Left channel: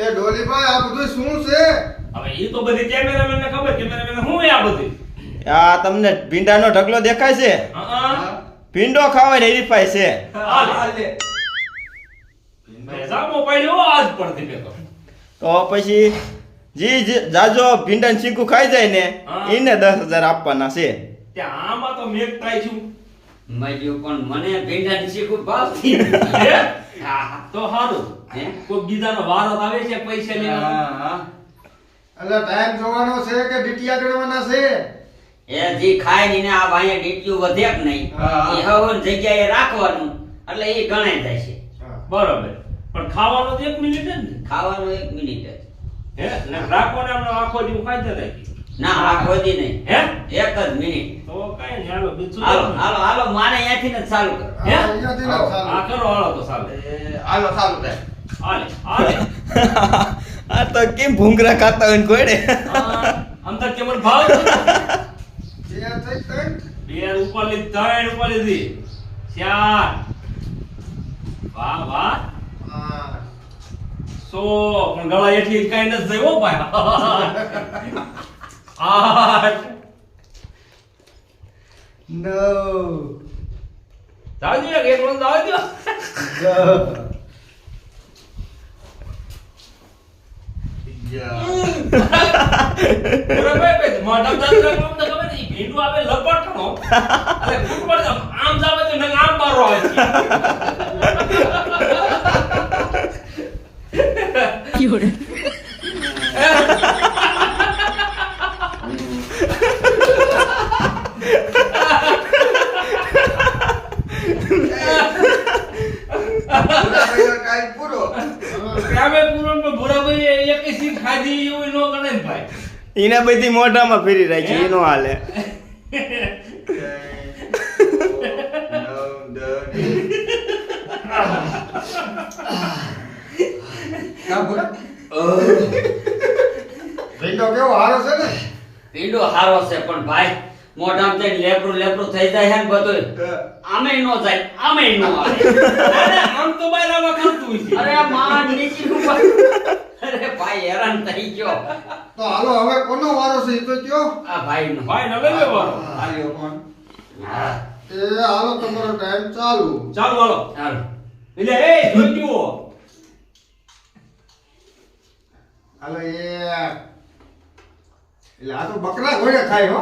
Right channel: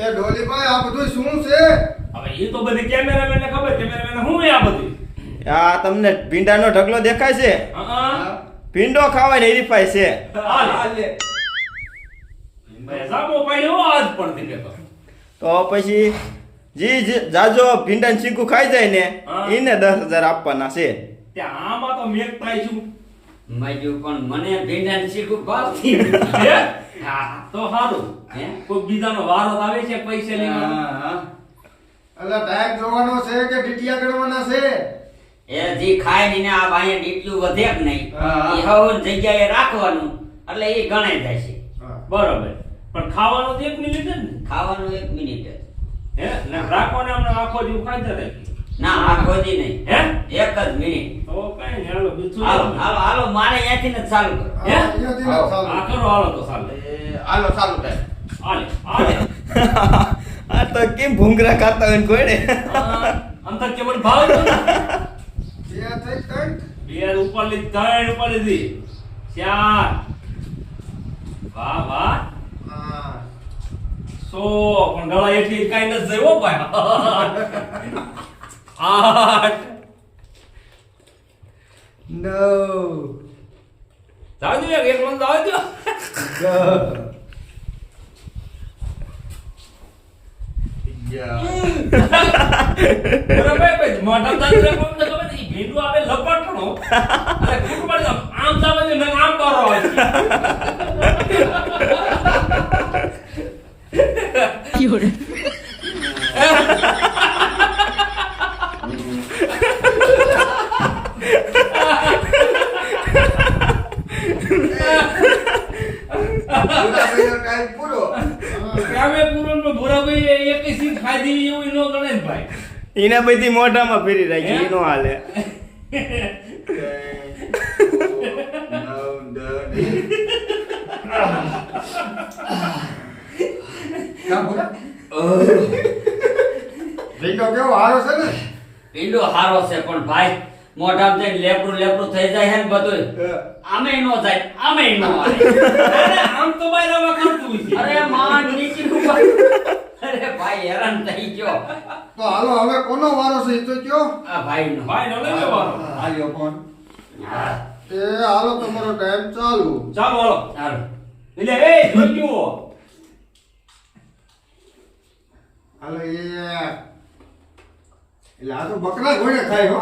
એ ડોલીભાઈ આ બધું શું છે? હવે એ તો બધી કેમેરામેનને ખબર કેમેરામેનને હું આ બધું? આ તમને ભીંડાનો ઢગલો દેખાય છે? ભીંડો ખાવાય ને હરીફાય છે તો. પછી જી જાજો ભીંડા ચીકુ ખાઈ જાય ને એને દસ હજાર આપવાના છે. ત્યાં આમાં તો મેઘ થાય છું. મેં પણ મને ભીંડા ચીકુ ભાવતી તો સારું હે? કોઈ બીજાનો વારો આવે છે પૈસા લેવાનો હા. એટલે ટાઈમ જોવાનો છે કે ડીટીયા ગણવાના છે? એ જી ખાયની આ ભાઈ ડીટ્યું વધે જ નહીં. એ હવન જગ્યાએ રાખવાનું એટલે એ ગણાય જાય છે. બરોબર. પણ ખાવાનું તો એક મિનિટ જ ને ખાવાનું એક મિનિટ જ. હે? ને રાખવાને આપણે આખો દિવસ ખાઈ જતા ના આ ખોદી નહીં. હે? એક જ મિનિટ. તો કઈ હાલો બીજું હાલો હાલો હાલો મારે અહીંયાથી ને ચાલુ કર. હે? હા, અહીંયાથી ને આ ચાલુ. કરો. હાલો તો ચાલે. હાલો ચાલુ હાલે આ તો કેમ ભૂંગરા ખાતા હોય ને કોઈને આ અંદર કેવળ ભાવ બે થઈ ત્રણ. બે ઉપર લીધી ત્રણ ઉપર લીધી ચાર. વાહ વાહ. સો પણ ગળા એટલી કાઈ નથી જઈ હો ભાઈ. આઠ. નવ. જાજો એક મન મંદ આવજો દસ બરાબર ભાઈ મોઢા દાદરા કોમ તો ખબર નહીં ભેંડું આવે લપટણો અરે કુટ પર જાવ આમ જાવ છે નંગ આમ બારો આવે ટાઈમ પૂરો કામે પૂરણ તો ભોરાભાઈ એક સીટ ખાધી એવું નો કરે ને ભાઈ. એના બધી મોઢામાં ફેરી રાખી હે? ઈ હાલે. ભીંડો કેવો હારો છે ને? પીંડો હારો છે પણ ભાઈ મોઢામાં જઈને લેપડું લેપડું થઈ જાય છે ને બધું આમે નો જાય આમે નો આવે આમ તો બાયલા ખાતું છે. અરે માં નીચી ઉપર. અરે ભાઈ હેરાન થઈ ગયો. તો હાલો હવે કોનો વારો છે તો કયો? આ ભાઈ નો ભાઈ નવે વારો હાલ્યો ફોન. એ હાલો તમારો ટાઈમ ચાલુ. ચાલુ હાલો. ચાલો એટલે એ જોજો હાલો એ. એટલે આ તો બકરા ઘોડે ખાય હો.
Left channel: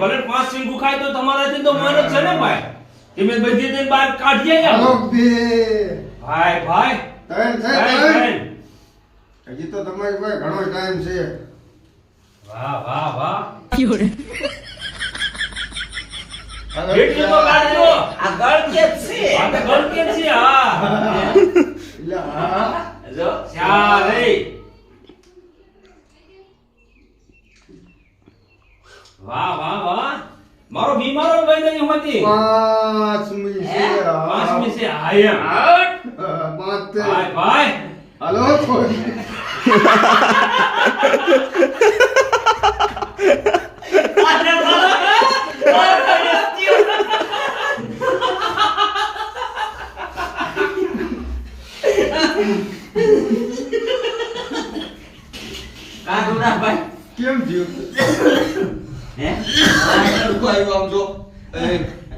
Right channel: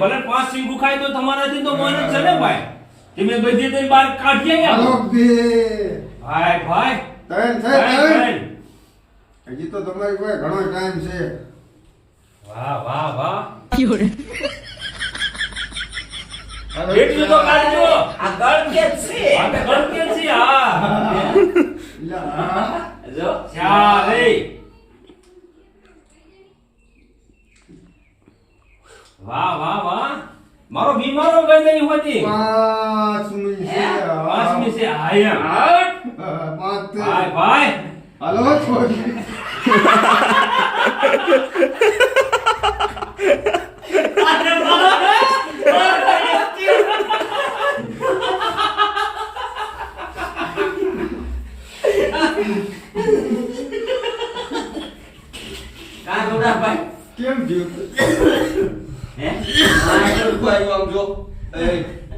ભલે પાંચ સિંગુ ખાય તો તમારાથી તો મન જ છે ને ભાઈ? તમે બધી તો બહાર કાઢીએ હાલો બે. ભાઈ ભાઈ. ત્રણ ભાઈ, ત્રણ હજી તો તમારી પાસે ઘણો ટાઈમ છે. વાહ વાહ વાહ. એટલું તો કાઢજો. આ ગળકેત છે? આ ગળકેત છે હા. એટલે આ જો ચાલે વાહ વાહ વાહ. મારો બીમારો ભાઈ નહીં હોતી. પાંચમી છે. પાંચમી છે આયમ છે. ભાઈ ભાઈ હાલો છોડી કાઢુના ભાઈ કેમ થયું હે ભાઈ આમ જો એ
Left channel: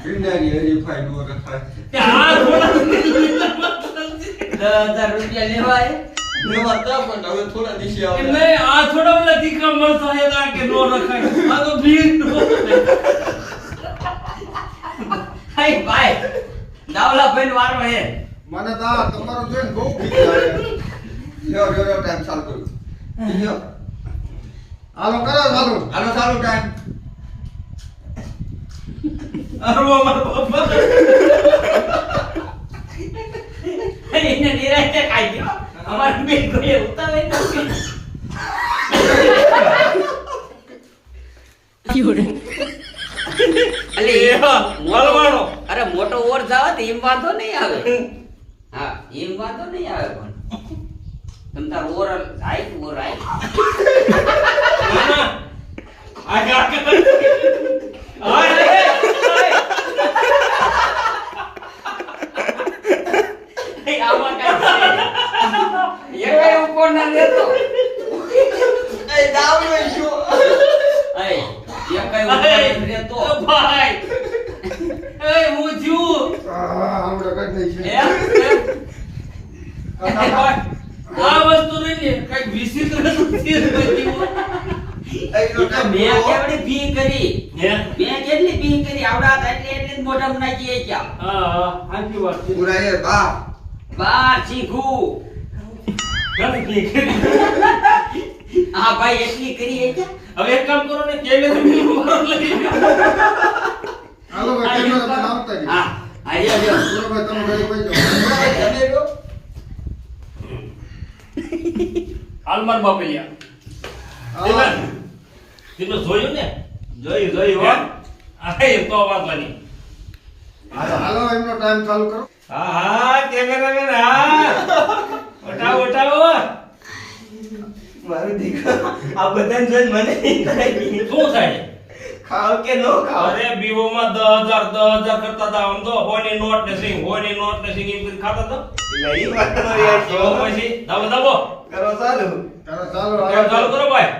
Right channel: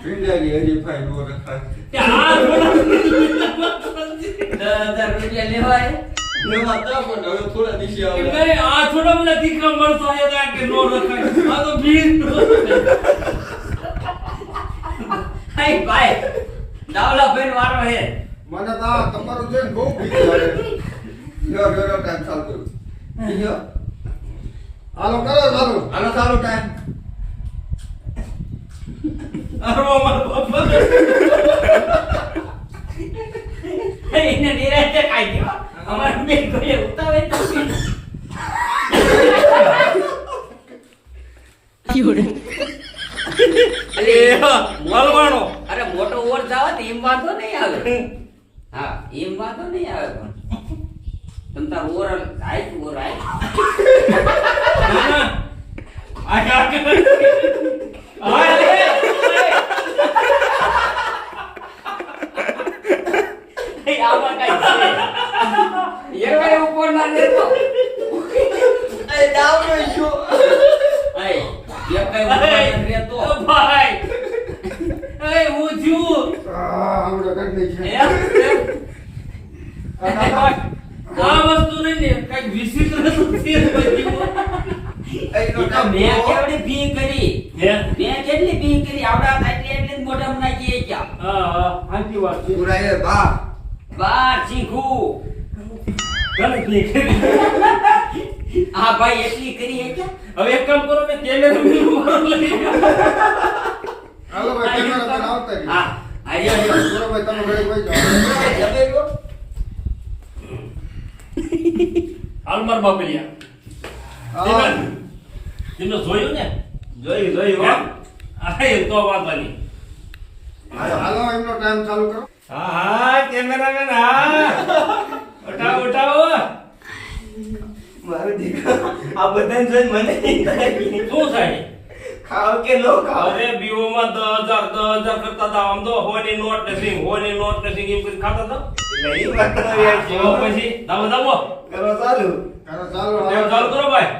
ભીંડાની હરીફાઈ નો રખાય આ થોડા દસ હજાર રૂપિયા લેવાય એવા તો પણ હવે થોડા દિવસે આવે નહીં આ થોડા મને તીખા મરચા હે કે નો રખાય આ તો ભીડ હાય ભાઈ દાવલા ભાઈ વારો હે મને તો તમારું જોઈને બહુ બીક લાગે. લ્યો લ્યો લ્યો ટાઈમ ચાલુ કરું. હાલો કરો ચાલુ હાલો ચાલુ ટાઈમ અરવો મારો બાપા એને નિરાશ ખાઈ ગયો. અમાર બે કોઈ ઉતાવે તો અરે મોટો ઓર જાવ તો એમ વાંધો નહીં આવે હા એમ વાંધો નહીં આવે પણ તમ તાર ઓર આય ઓર આય ના ના આ કા કર આ રે એ આમાં કાંઈ છે લેતો. એ દાવ લઈ ગયો એ એક કઈ ઉપાય નથી લેતો ભાઈ. એ હું આ આવડે. એ, એ ભાઈ, આ વસ્તુ નહીં ને કંઈક વિચિત્ર મેં કેવડી ભી કરી? હે? મેં કેટલી ભી કરી? આવડા એટલે એટલે જ નાખીએ ક્યાં? હા હા સાચી વાત છે. બા. બાર શીખું ભી કરી. આ ભાઈ એટલી કરી એ હવે એક કામ કરો ને કેલે લઈ હાલો ભાઈ કેમેરા આવતા રહ્યો. હા તમે ઘરે ભાઈ જાઓ. હાલ માર બાપલિયા. તેનો જોયું ને? જોયું જોયું હો. હા વાત તો વાંધવાની હાલો એમનો ટાઈમ ચાલુ કરો. હા હા કેમેરામેન હા. ઉઠાવો ઉઠાવો. મારો દીકરો આ બધાને જોઈને મને ઈ થાય. કે શું થાય? ખાવ કે નો ખાવ? અરે હજાર દસ હજાર કરતા હતા. આમ તો હોય ને નોટ ને સિંગ હોય ને નોટ ને સિંગ એમ કરી ખાતા હતા. નહીં વાત યાર તો પછી દાબો દાબો કરો ચાલુ. કરો ચાલો ટેપ ચાલુ કરો ભાઈ.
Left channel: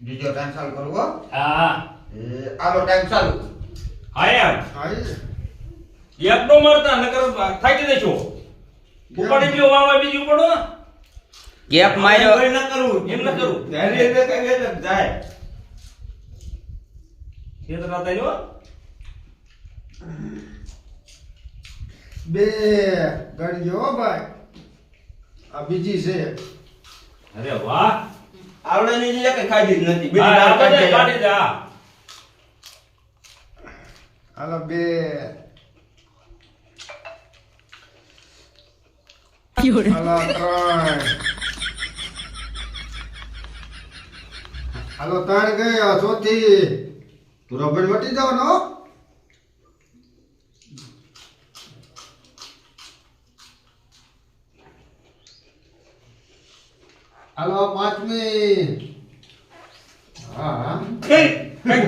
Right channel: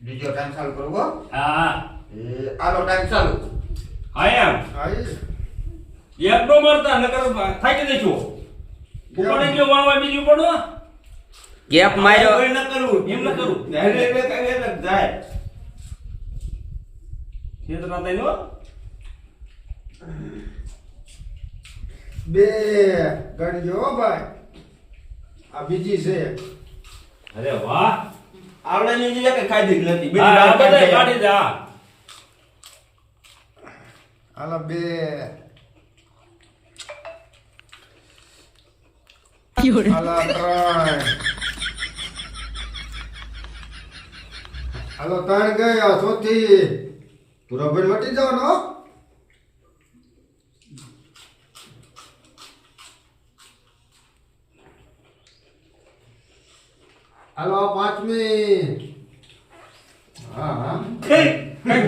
બીજો ટાઈમ ચાલુ કરો હો. હા એ આનો ટાઈમ ચાલુ. હા એમ. હા. એક નો મારતા નકર થાકી દઈશું ઉપાડી ગયો વાવા બીજું પડો ગેપ માર્યો. કોઈ ન કરું એમ ન કરું. ધૈર્ય એટલે કાંઈ લગ જાય. છેતરા થાય હો બે ગણજો ભાઈ. આ બીજી છે. અરે વાહ. આવડે ની જે કઈ ખાધી જ નથી. બીજી હા, બહાર આ બધાય કાઢી દે હાલો બે. હાલો ત્રણ ગયા ચોથી ભાઈ વટી જવાનો? હો. હાલો પાંચમી. હા હા. કઈ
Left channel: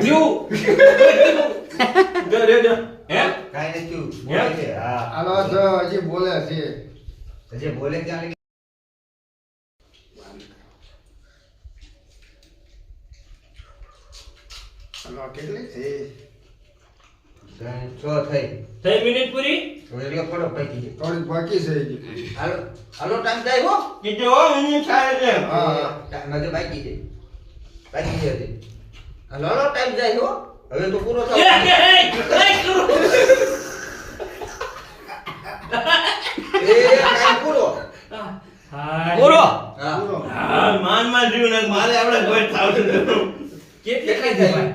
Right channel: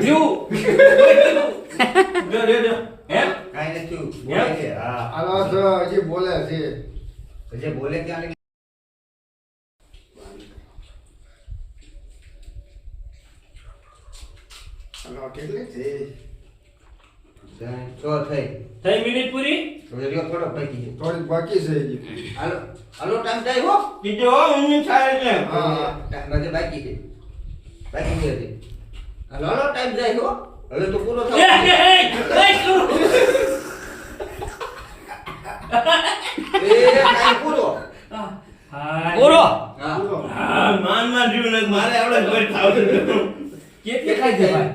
થયું? હે? કાંઈ નથી હાલો હજી બોલે છે. જે બોલે ત્યાં હાલો કેટલી છે છ થઈ થઈ મિનિટ પૂરી થોડી પડો પૈકી થોડીક બાકી છે હાલો હાલો ટાઈમ થાય હો બીજો હું છાય છે હા. ટાઈમ બાકી છે બાકી છે હજી હાલો હાલો ટાઈમ જાય હો હવે તો પૂરો એ થયો એ એ એ કરું એ ટાઈમ પૂરો. પૂરો. હા. પૂરો. હા માનમાં જીવ ને મારે આવડે કોઈ થાવ કેટલી ખાઈ છે ભાઈ?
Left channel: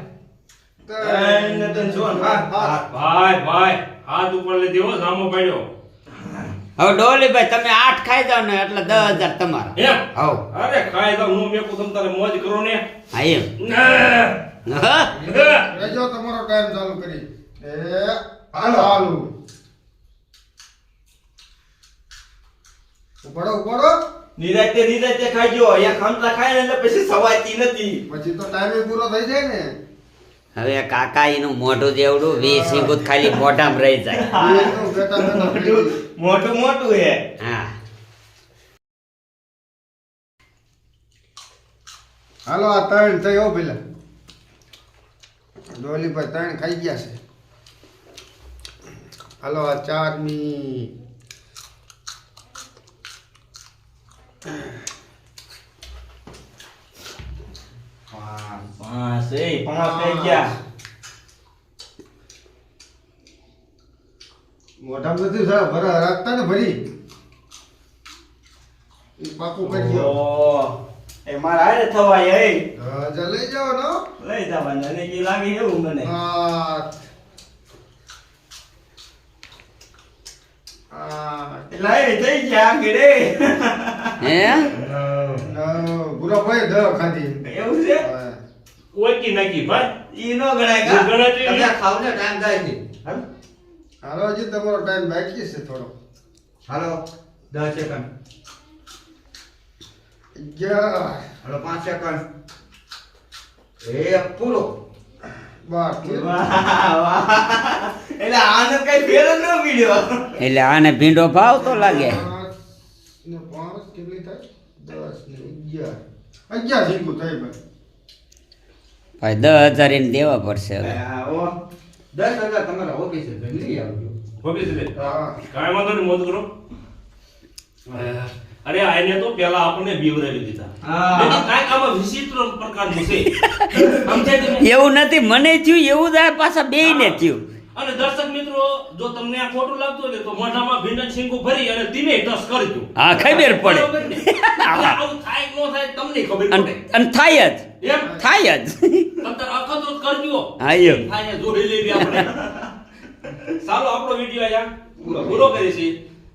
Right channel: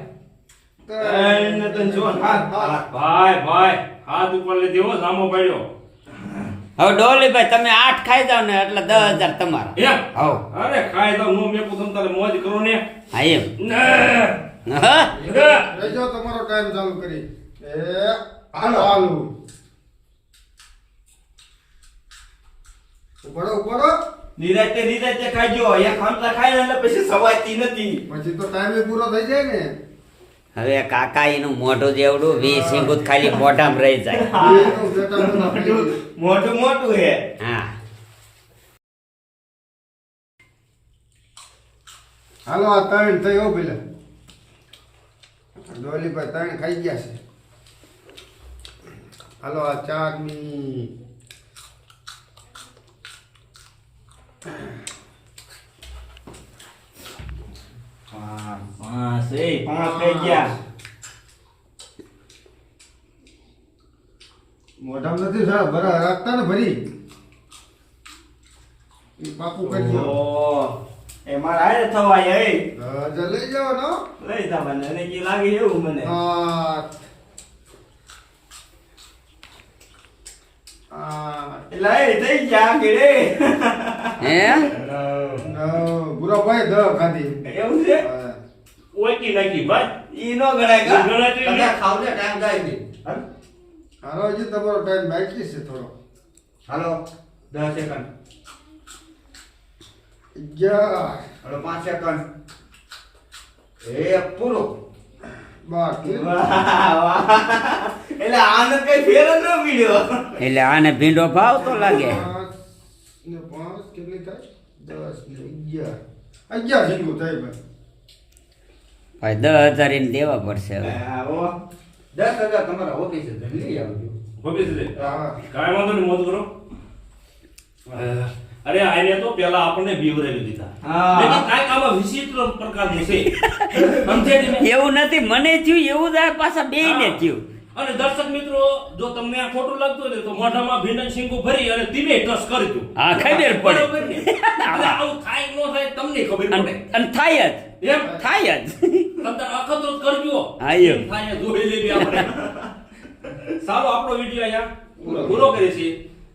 ત્રણ ને. જો હા હા ભાઈ ભાઈ હાથ ઉપર લઈ દેવો સામો પડ્યો. હવે ડોલીભાઈ તમે આઠ ખાઈ જાવ ને એટલે દસ હજાર તમારા. હવ. અરે ખાઈ જાવ નો મેં તમ તારે મોજ કરો ને. હા એમ. ના. હા? ના. રહેજો તમારો ટાઈમ ચાલુ કરી. એ હાલો હાલો ઉપાડો ઉપાડો નિરાતે નિરાતે ખાજો. અહીંયા ખામતા ખાય એટલે પછી સવાતી નથી. પછી તો ટાઈમે પૂરો થઈ જાય ને. હવે કાકા એનું મોઢું જેવડું વી સિંગુત ખાલી મોઢામાં રહી જાય. મોટું મોટું હે. હા. હાલો આ ત્રણ થયો પેલા. ડોલી પર ત્રણ ખાઈ ગયા છે. હાલો આ ચારની પાંચ એ પાંચ થઈ ગયા મોઢામાં નથી સારા ભરા રાખતા ને ભરી. એ પાકું કરી દો. એ મારા આય થવાય એ હજુ લઈ જાવ ને લઈ જવાના અને કે લાગે એવું મને. આઠ. એ થઈ ગયા ગડે હે? નવ. ગુરાભાઈ દહ ખાધી. એવું છે? ઓકી નાખી ભાઈ. ઈ નો ગણાય કા ગણાતી તમે ખાવ ને ટાઈમ થાય છે હાલો હજી તમારો ટાઈમ બાકી છે થોડો. હાલો. દસ સેકન્ડ. અગિયાર. હાલો પાંચ સેકન્ડ. એ પૂરો. એટલે આને કઈ ફેર ન પડ્યો. એટલે આને ભીંડો ભાવ તો લાગે. ભાઈ. દસ હજાર એને દેવા પડશે હવે. છે કરો અરે આને તો પેલા આપણને બીવરાવી દીધા. કાંઈક આમાં વિચિત્ર પ્રકારનું છે સમજે એવું નથી મને થયું એવું જ પાછા બે ને થયું. અને દર્શક મિત્રો જો તમને આ ખોટું લાગતું હોય તો મોઢામાં ભીંડન શીંગું ભરી અને તીને ટસ કરી દો. હા, ખબર પડે. આવું થાય ન થાય તમને ખબર અને પડે. અને થાય જ. એમ? થાય જ. તમને અખતરો કરજો. હા, એમ. થાય જોઈ લેવી આપણે. ચાલો આપણો વીડિયો આયા પૂરો કરીએ છીએ.